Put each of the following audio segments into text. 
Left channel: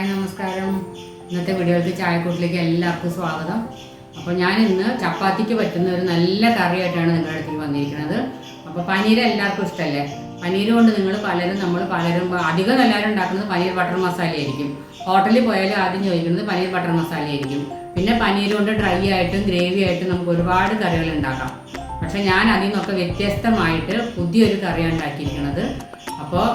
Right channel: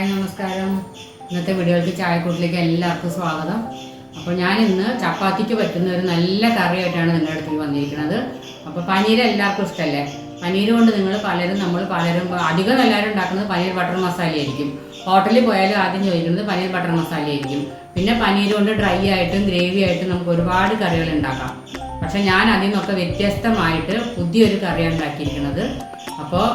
Hi നമസ്കാരം. ഇന്നത്തെ വീഡിയോയ്ക്ക് ചായക്കൂട്ടിലേക്ക് എല്ലാവർക്കും സ്വാഗതം. അപ്പോൾ ഞാൻ ഇന്ന് ചപ്പാത്തിക്ക് പറ്റുന്ന ഒരു നല്ല കറിയായിട്ടാണ് നിങ്ങളുടെ അടുത്തേക്ക് വന്നിരിക്കുന്നത്. അപ്പോൾ പനീർ എല്ലാവർക്കും ഇഷ്ടമല്ലേ? പനീർ കൊണ്ട് നമ്മൾ പലരും അധികം എല്ലാവരും ഉണ്ടാക്കുന്നത് പനീർ ബട്ടർ മസാല ആയിരിക്കും. ഹോട്ടലിൽ പോയാലും ആദ്യം ചോദിക്കുന്നത് പനീർ ബട്ടർ മസാല ആയിരിക്കും. പിന്നെ പനീർ കൊണ്ട് ഡ്രൈ ആയിട്ടും ഗ്രേവി ആയിട്ടും നമുക്ക് ഒരുപാട് കറികൾ ഉണ്ടാക്കാം. പക്ഷെ ഞാൻ അതിൽ നിന്നൊക്കെ വ്യത്യസ്തമായിട്ട് പുതിയൊരു കറിയാണ് ഉണ്ടാക്കിയിരിക്കുന്നത്. അപ്പോൾ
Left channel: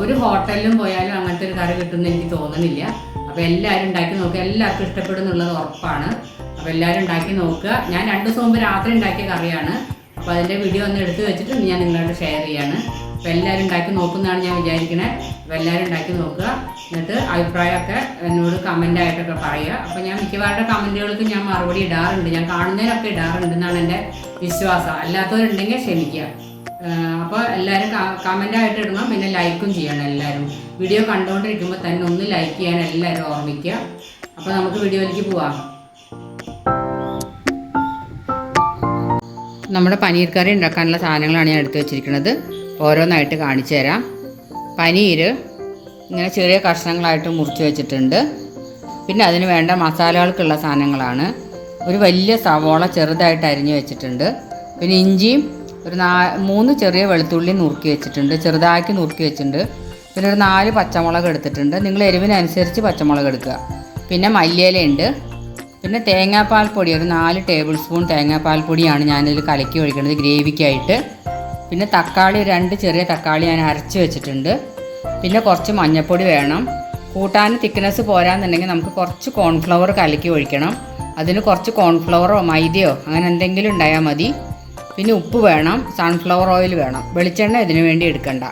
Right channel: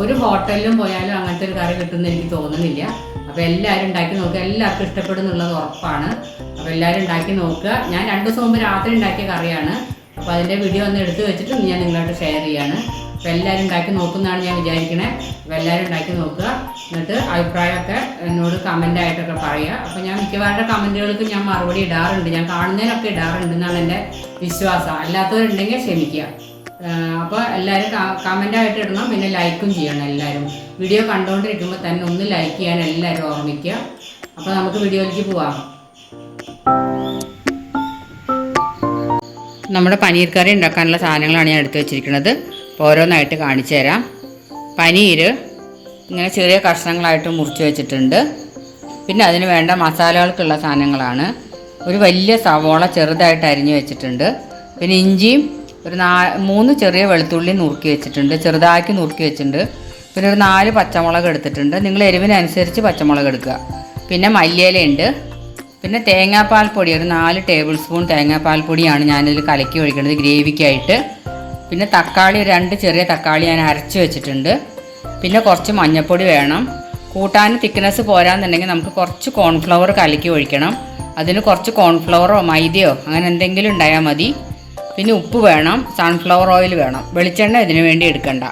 ഒരു ഹോട്ടലിലും പോയാലും അങ്ങനത്തെ ഒരു കറി കിട്ടുമെന്ന് എനിക്ക് തോന്നുന്നില്ല. അപ്പോൾ എല്ലാവരും ഉണ്ടാക്കി നോക്കുക, എല്ലാവർക്കും ഇഷ്ടപ്പെടുന്നുള്ളത് ഉറപ്പാണ്. അപ്പോൾ എല്ലാവരും ഉണ്ടാക്കി നോക്കുക. ഞാൻ 2 ദിവസം മുമ്പ് രാത്രി ഉണ്ടാക്കിയ കറിയാണ്. അപ്പോൾ അതിൻ്റെ വീഡിയോ ഒന്ന് എടുത്ത് വെച്ചിട്ട് ഞാൻ നിങ്ങളോട് ഷെയർ ചെയ്യാണ്. അപ്പോൾ എല്ലാവരും ഉണ്ടാക്കി നോക്കുന്നതാണ് ഞാൻ വിചാരിക്കണേ. അപ്പോൾ എല്ലാവരും ഉണ്ടാക്കി നോക്കുക, എന്നിട്ട് അഭിപ്രായമൊക്കെ എന്നോട് കമൻ്റായിട്ടൊക്കെ പറയുക. അപ്പോൾ ഞാൻ മിക്കവാറുടെ കമൻറ്റുകൾക്ക് ഞാൻ മറുപടി ഇടാറുണ്ട്, ഞാൻ കാണുന്നതിനൊക്കെ ഇടാറുണ്ട് എന്നാണ് എൻ്റെ വിശ്വാസം. അല്ലാത്തവരുണ്ടെങ്കിൽ ക്ഷമിക്കുക. അപ്പോൾ എല്ലാവരും കമൻ്റായിട്ട് ഇടണം, പിന്നെ ലൈക്കും ചെയ്യണം. എല്ലാവരും വീഡിയോ കണ്ടുകൊണ്ടിരിക്കുമ്പോൾ തന്നെ ഒന്ന് ലൈക്ക് ചെയ്യാൻ എല്ലാവരും ഓർമ്മിക്കുക. അപ്പോൾ നമുക്ക് വീഡിയോയിലേക്ക് പോവാം. നമ്മുടെ പനീർ കറി ഉണ്ടാക്കാനുള്ള സാധനങ്ങളാണ് ഞാൻ എടുത്തു വെച്ചിരിക്കുന്നത്. ഓരോന്നായിട്ട് കാണിച്ചു തരാം. പനീർ ഇങ്ങനെ ചെറിയ കഷ്ണങ്ങളായിട്ട് മുറിച്ച് വെച്ചിട്ടുണ്ട്. പിന്നെ അതിന് വേണ്ട മസാലകൾക്കുള്ള സാധനങ്ങളാണ്. ഒരു വലിയ സവോള ചെറുതായിട്ട് അരിഞ്ഞു വെച്ചിട്ടുണ്ട്. പിന്നെ ഇഞ്ചിയും ഒരു 3 ചെറിയ വെളുത്തുള്ളി നുറുക്കി വെച്ചിട്ടുണ്ട്, ചെറുതാക്കി നുറുക്കി വെച്ചിട്ടുണ്ട്. പിന്നെ ഒരു 4 പച്ചമുളക് എടുത്തിട്ടുണ്ട്. നിങ്ങൾ എരിവിനനുസരിച്ച് പച്ചമുളക് എടുക്കുക. പിന്നെ മല്ലിയിലയുണ്ട്. പിന്നെ തേങ്ങാപ്പാൽ പൊടി ഒരു 4 ടേബിൾ സ്പൂൺ തേങ്ങാപ്പാൽ പൊടിയാണ് ഞാനിതിൽ കലക്കി ഒഴിക്കുന്നത് ഗ്രേവിക്കായിട്ട്. പിന്നെ തക്കാളി 2 ചെറിയ തക്കാളി ഞാൻ അരച്ച് വെച്ചിട്ടുണ്ട്. പിന്നെ കുറച്ച് മഞ്ഞൾപ്പൊടി വേണം. കൂട്ടാൻ തിക്നെസ് പോരാന്നുണ്ടെങ്കിൽ നമുക്ക് കുറച്ച് കോൺഫ്ലവർ കലക്കി ഒഴിക്കണം. അതിന് കുറച്ച് കോൺഫ്ലവറോ മൈദയോ അങ്ങനെ എന്തെങ്കിലും ഉണ്ടായാൽ മതി. പിന്നെ ഉപ്പ് വേണം, സൺഫ്ലവർ ഓയിൽ വേണം. വെളിച്ചെണ്ണ ഇതിനു വേണ്ടി എടുക്കണ്ട.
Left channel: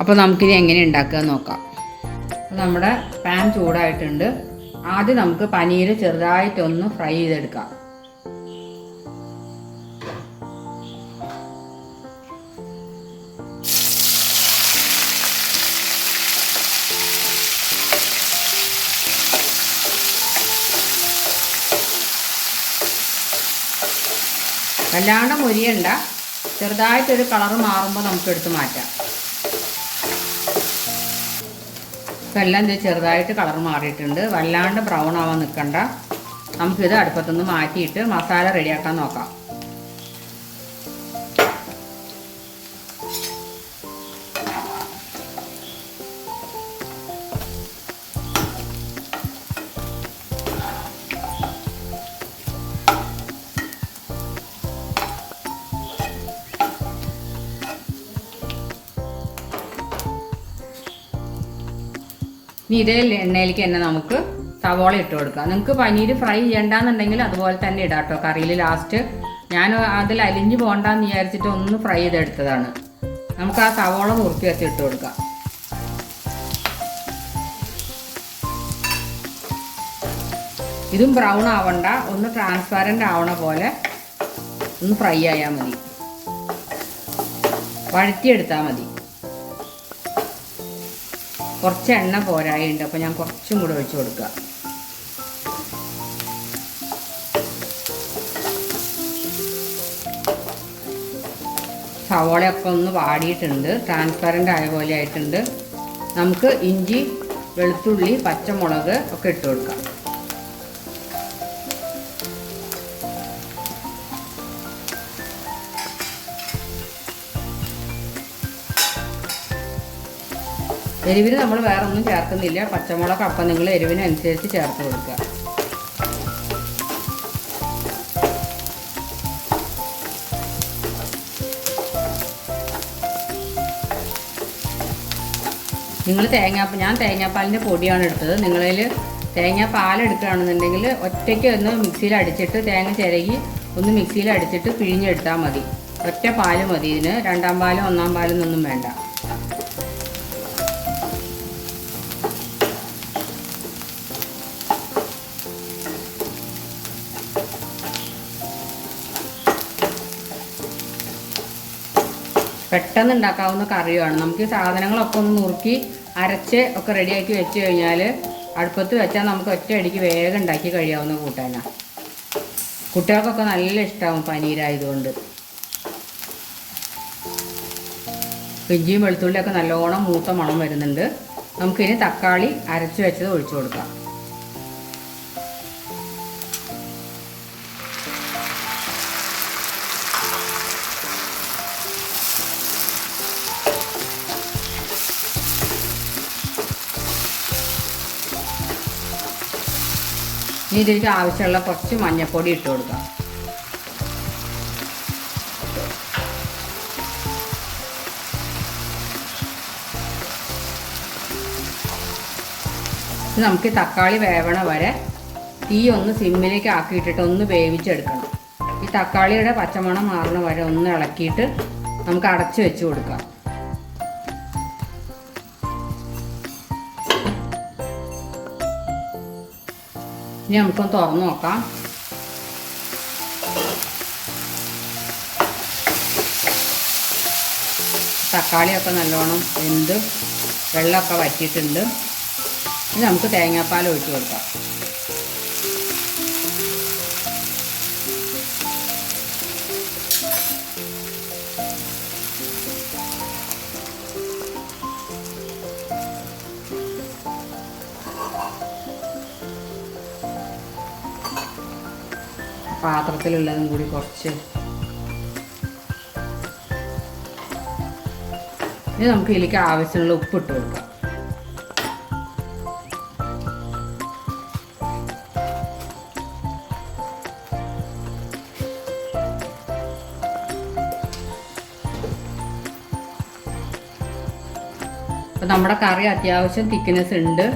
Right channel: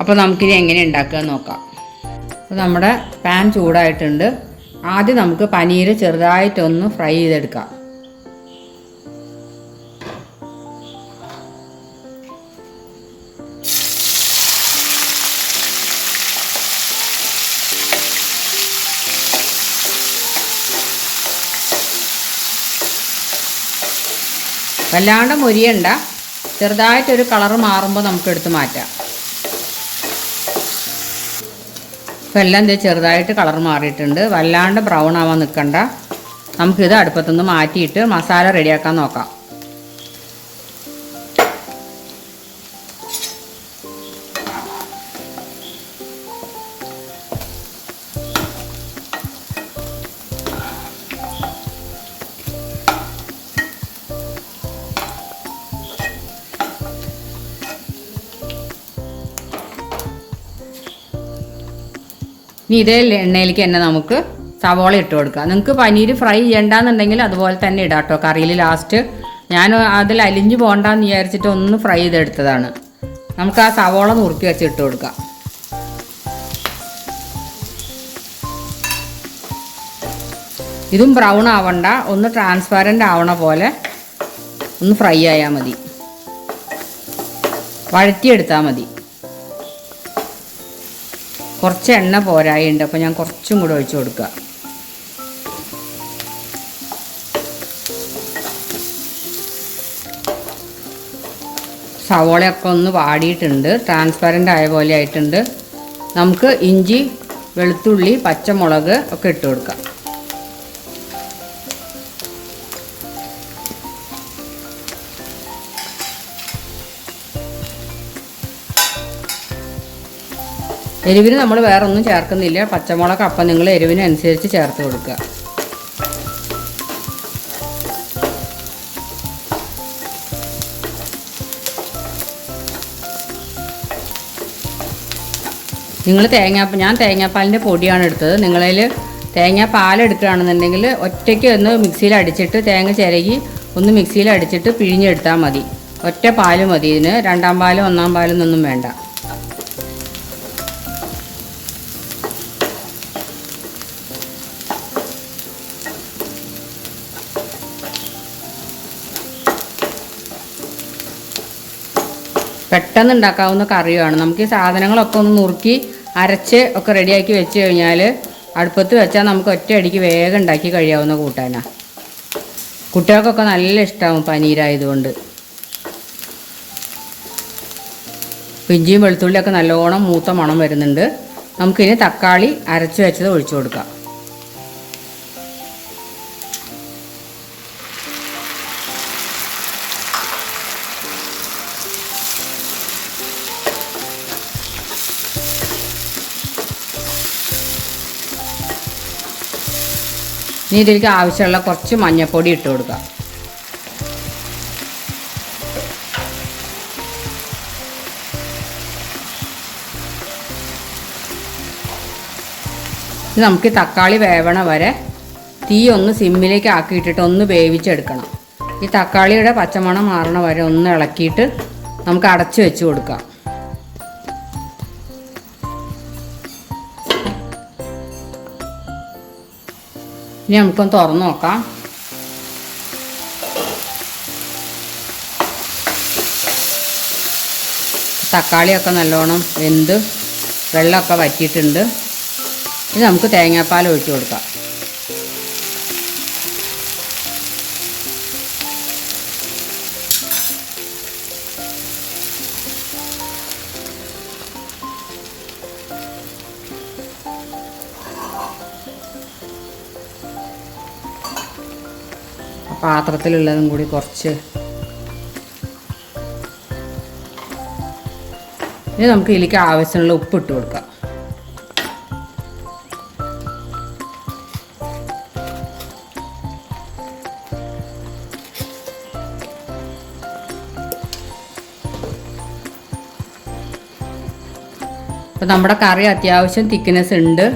അപ്പോൾ നമുക്കിനി എങ്ങനെ ഉണ്ടാക്കുക നോക്കാം. അപ്പോൾ നമ്മുടെ പാൻ ചൂടായിട്ടുണ്ട്. ആദ്യം നമുക്ക് പനീർ ചെറുതായിട്ടൊന്ന് ഫ്രൈ ചെയ്തെടുക്കാം. വല്ലാണ്ട് മൊരിയണ്ട, ചെറുതായിട്ടൊരു കളറ് മാറുമ്പോൾ നമുക്ക് എടുത്ത് മാറ്റാം. ഇപ്പോൾ എല്ലാം ചെറുതായിട്ട് കളർ മാറിയിട്ടുണ്ട്. വല്ലാണ്ട് ബ്രൗൺ ആവാൻ നിൽക്കണ്ട. നമുക്കിത് അടുപ്പത്തുനിന്ന് മാറ്റിയിട്ട് മസാല റെഡിയാക്കാൻ നോക്കാം. ഇനി ഇതേ എണ്ണയിലേക്ക് തന്നെ നമുക്ക് സവോള ഇട്ട് കൊടുക്കാം. നിങ്ങൾക്ക് പനീർ ഫ്രൈ ചെയ്യണ്ടെന്നുണ്ടെങ്കിൽ അതുപോലെ തന്നെ ഇടാം കേട്ടോ. കറിയിൽ ലാസ്റ്റ് ഞാൻ അതിൽ അലിഞ്ഞു പോകണ്ടെന്ന് വിചാരിച്ചിട്ട് ഒന്ന് ഫ്രൈ ചെയ്തെടുത്തതാണ്. നമുക്ക് ആ സവോള നുറുക്കി വെച്ച് ഇട്ട് കൊടുക്കാം. ഇതും ബ്രൗൺ ആവണ്ട, ഒന്ന് ട്രാൻസ്പാരൻ്റ് ആവണ പോലെ ഒന്ന് ഫ്രൈ ആയാൽ മതി, വഴറ്റിയെടുത്താൽ മതി. കുറച്ച് എണ്ണ പോരായുണ്ട്, അപ്പോൾ ഞാൻ കുറച്ചും കൂടെ ഒഴിച്ചു കൊടുക്കുക. സവോളയൊക്കെ ഒന്ന് വാടിയിട്ടുണ്ട്, ട്രാൻസ്പെറൻ്റ് ആയ പോലെ ആയിട്ടുണ്ട്. നമുക്ക് ഇഞ്ചി, വെളുത്തുള്ളി, പച്ചമുളക് ഒക്കെ ഇട്ട് കൊടുക്കാം. എരിവിന് നമ്മൾ വേറെ ഒന്നും ചേർക്കുന്നില്ല. പച്ചമുളക് അപ്പം നിങ്ങൾ എരിവിനനുസരിച്ച് ചേർത്ത് കൊടുക്കുക. ഞാൻ തേങ്ങാപ്പാലിൻ്റെ പൊടിയാണ് എടുത്തത്. നിങ്ങളിൽ തേങ്ങാപ്പാൽ എടുക്കുകയാണെന്നുണ്ടെങ്കിൽ ഒറ്റയ്ക്ക് ഒന്ന് മിക്സിയിൽ അടിച്ചിട്ട് തേങ്ങ ചിരകി ഒന്ന് മിക്സിയിൽ അടിച്ചിട്ട് പിഴിഞ്ഞെടുത്താൽ മതി. ഒറ്റ പാല് മതി ഇതിന്. 2ാം പാലും 1ാം പാലും ഒന്നും വേണ്ട. പെട്ടെന്ന് ഉണ്ടാക്കാവുന്ന കറിയാണ്. നമുക്ക് ഈ സാധനങ്ങളൊക്കെ ഒന്ന് നുറുക്കി അരച്ച് ഒക്കെ റെഡിയാക്കി വെച്ച് കഴിഞ്ഞാൽ അടുപ്പത്ത് വെച്ചാൽ നമുക്ക് ഒറ്റയടിക്ക് വേഗം ഉണ്ടാക്കി കഴിയാവുന്ന കൂട്ടാനാണ്. കുട്ടികൾക്കൊക്കെ നല്ല ഇഷ്ടമാവും പനീരായതുകൊണ്ട്. ഇഞ്ചിയും വെളുത്തുള്ളിയൊക്കെ നല്ലോണം മൂത്ത മണം വരുന്നുണ്ട്. നമുക്കിനി തക്കാളി അരച്ച് വെച്ചത് ഒഴിച്ചു കൊടുക്കാം. ഇനി ഇതിലേക്ക് ആവശ്യമുള്ള കുറച്ച് മഞ്ഞൾപ്പൊടി ഇട്ട് കൊടുക്കാം. നമുക്ക് തക്കാളി വേവണ വരെ തീ ഒന്ന് സിമ്മിലേക്ക് ആക്കിയിട്ടിട്ട് ഒന്ന് വേവിച്ചെടുക്കണം. ഈ തക്കാളിയുടെ പച്ചമണം മാറണ വരെ ഒന്ന് ഇളക്കിയിട്ട് നമുക്ക് അടച്ചു വെച്ച് കൊടുക്കാം. ഇനി നമുക്കൊന്ന് തുറന്ന് നോക്കാം. തക്കാളിയൊക്കെ നല്ലോണം വെന്ത് വെള്ളമൊക്കെ വറ്റിയിട്ടുണ്ട്. ഇത് നമുക്ക് തേങ്ങാപ്പാൽ ഒഴിച്ച് കൊടുക്കാം. പാത്രത്തിലുള്ളതും കൂടി കുറച്ച് ഇനി നമുക്ക് ഇതിലേക്ക് ആവശ്യമുള്ള ഉപ്പ് ഇട്ട് കൊടുക്കാം. അപ്പോൾ നമ്മുടെ കറി അത്യാവശ്യം തിക്നെസ് ഉണ്ട്,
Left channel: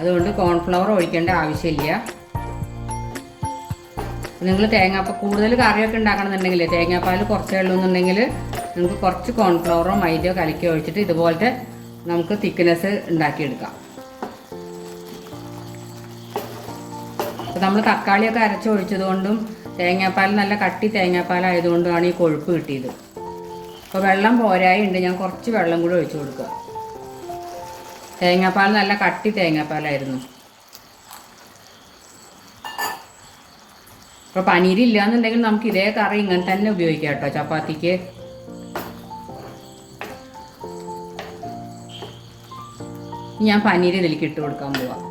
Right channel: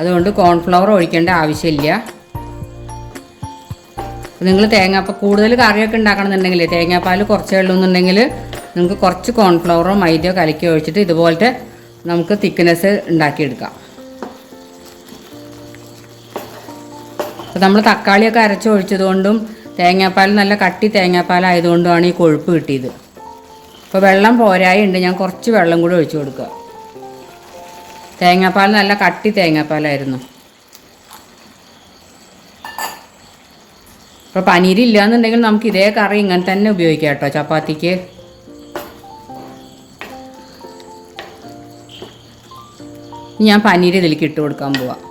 അതുകൊണ്ട് കോൺഫ്ലവർ ഒഴിക്കേണ്ട ആവശ്യമില്ല. നിങ്ങൾ തേങ്ങാപ്പാൽ കൂടുതൽ കറിയൊക്കെ ഉണ്ടാക്കണമെന്നുണ്ടെങ്കിൽ തേങ്ങാപ്പാൽ കുറച്ചേ ഉള്ളൂ എന്നുണ്ടെങ്കിൽ നിങ്ങൾക്ക് കുറച്ച് കോൺഫ്ലവറോ മൈദയോ കലക്കി ഒഴിച്ചിട്ട് ഇതുപോലത്തെ നമുക്ക് തിക്നെസ് ഉണ്ടാക്കിയെടുക്കാം. അപ്പോൾ നമ്മൾ തക്കാളിയൊക്കെ അരച്ച് ഒഴിച്ചത് കൊണ്ടും തേങ്ങാപ്പാൽ നല്ല കട്ടി തേങ്ങാപ്പാലായതുകൊണ്ടുമാണ് ഈ കൊഴുപ്പ് കിട്ടിയത്. അപ്പോൾ വെള്ളം പോരായി ഉണ്ട്, ഞാൻ കുറച്ച് വെള്ളം കൂടി ഒഴിച്ചു കൊടുക്കുക. തേങ്ങാപ്പാൽ നല്ല കട്ടി തേങ്ങാപ്പാലായിരുന്നു. അപ്പോൾ പനീരില്ല എന്നുണ്ടെങ്കിൽ നമുക്ക് ഇതേ കറി ഇങ്ങനെ തന്നെ ഉപയോഗിക്കാം കേട്ടോ ചപ്പാത്തിക്ക്. ഞാൻ പനീർ ഇതിലേക്ക് ഇട്ട് കൊടുക്കാൻ പോവാം.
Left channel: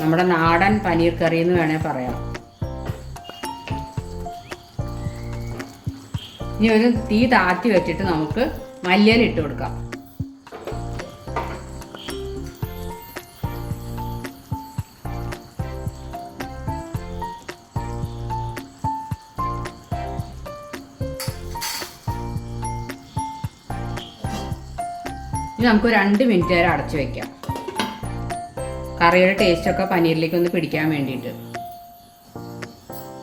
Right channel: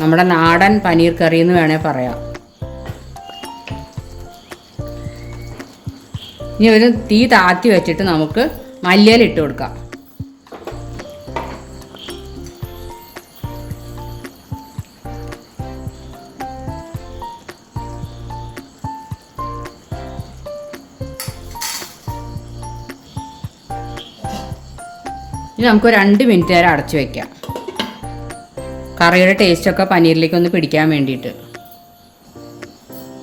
നമ്മുടെ നാടൻ പനീർ കറി എന്ന് വേണേൽ പറയാം. ഇനി ഒരു തീ താത്തി വെച്ചിട്ട് നമുക്ക് മല്ലിയില ഇട്ട് കൊടുക്കാം. ഇനി നമുക്ക് 2 മിനിറ്റ് നേരം അടച്ചു വയ്ക്കാം, കറിയുടെ ടേസ്റ്റൊക്കെ പനീറിലേക്ക് ഒന്ന് പിടിക്കാൻ വേണ്ടിയിട്ട്.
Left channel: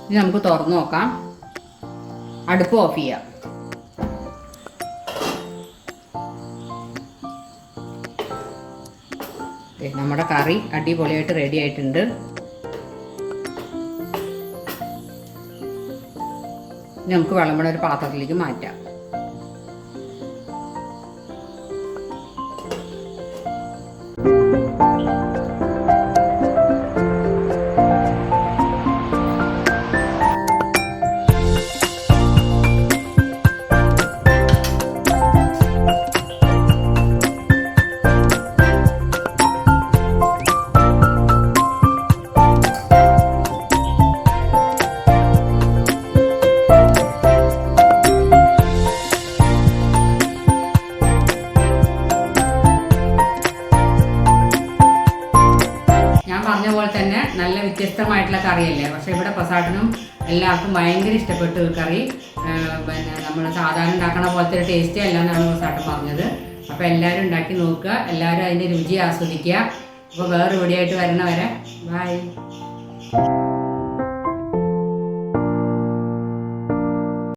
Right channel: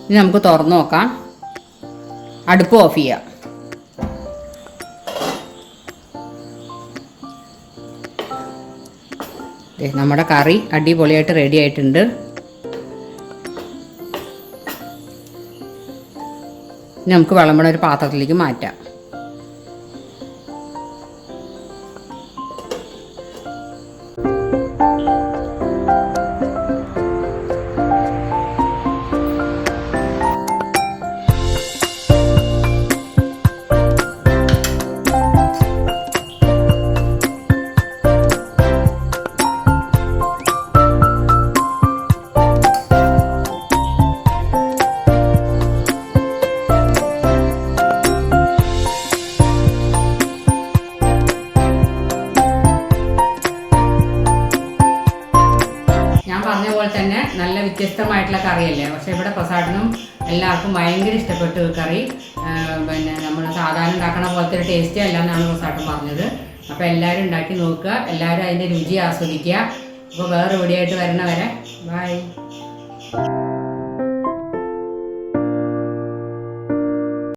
ഇനി നമുക്ക് തുറന്ന് നോക്കാം. അടുപ്പ് ഓഫ് ചെയ്യാം. നമ്മുടെ കറി അടിപൊളിയായിട്ട് റെഡി ആയിട്ടുണ്ട്. ഇനി നമുക്ക് വിളമ്പണ ഒരു പാത്രത്തിലേക്ക് മാറ്റാം. പറഞ്ഞ പോലെ തന്നെ നല്ല വ്യത്യസ്തമായിട്ടുള്ള കറിയല്ലേ. പക്ഷേ ഇവിടെ പ്രസാദിനും എല്ലാവർക്കും ഭയങ്കര ഇഷ്ടപ്പെട്ടു ഈ കറി. പിന്നെ നമ്മൾ സാധാരണ ഉണ്ടാക്കണ പോലത്തെ ഒരു ടേസ്റ്റേ അല്ല എന്നാണ് പ്രസാദൻ പറഞ്ഞത്. അപ്പോൾ എല്ലാവരും ഉണ്ടാക്കി നോക്കുക, എല്ലാവരും അതിൻ്റെ രുചി ആസ്വദിക്കുക. അപ്പോൾ വേറെ വീഡിയോ ആയിട്ട് വരണ വരെ ബൈ.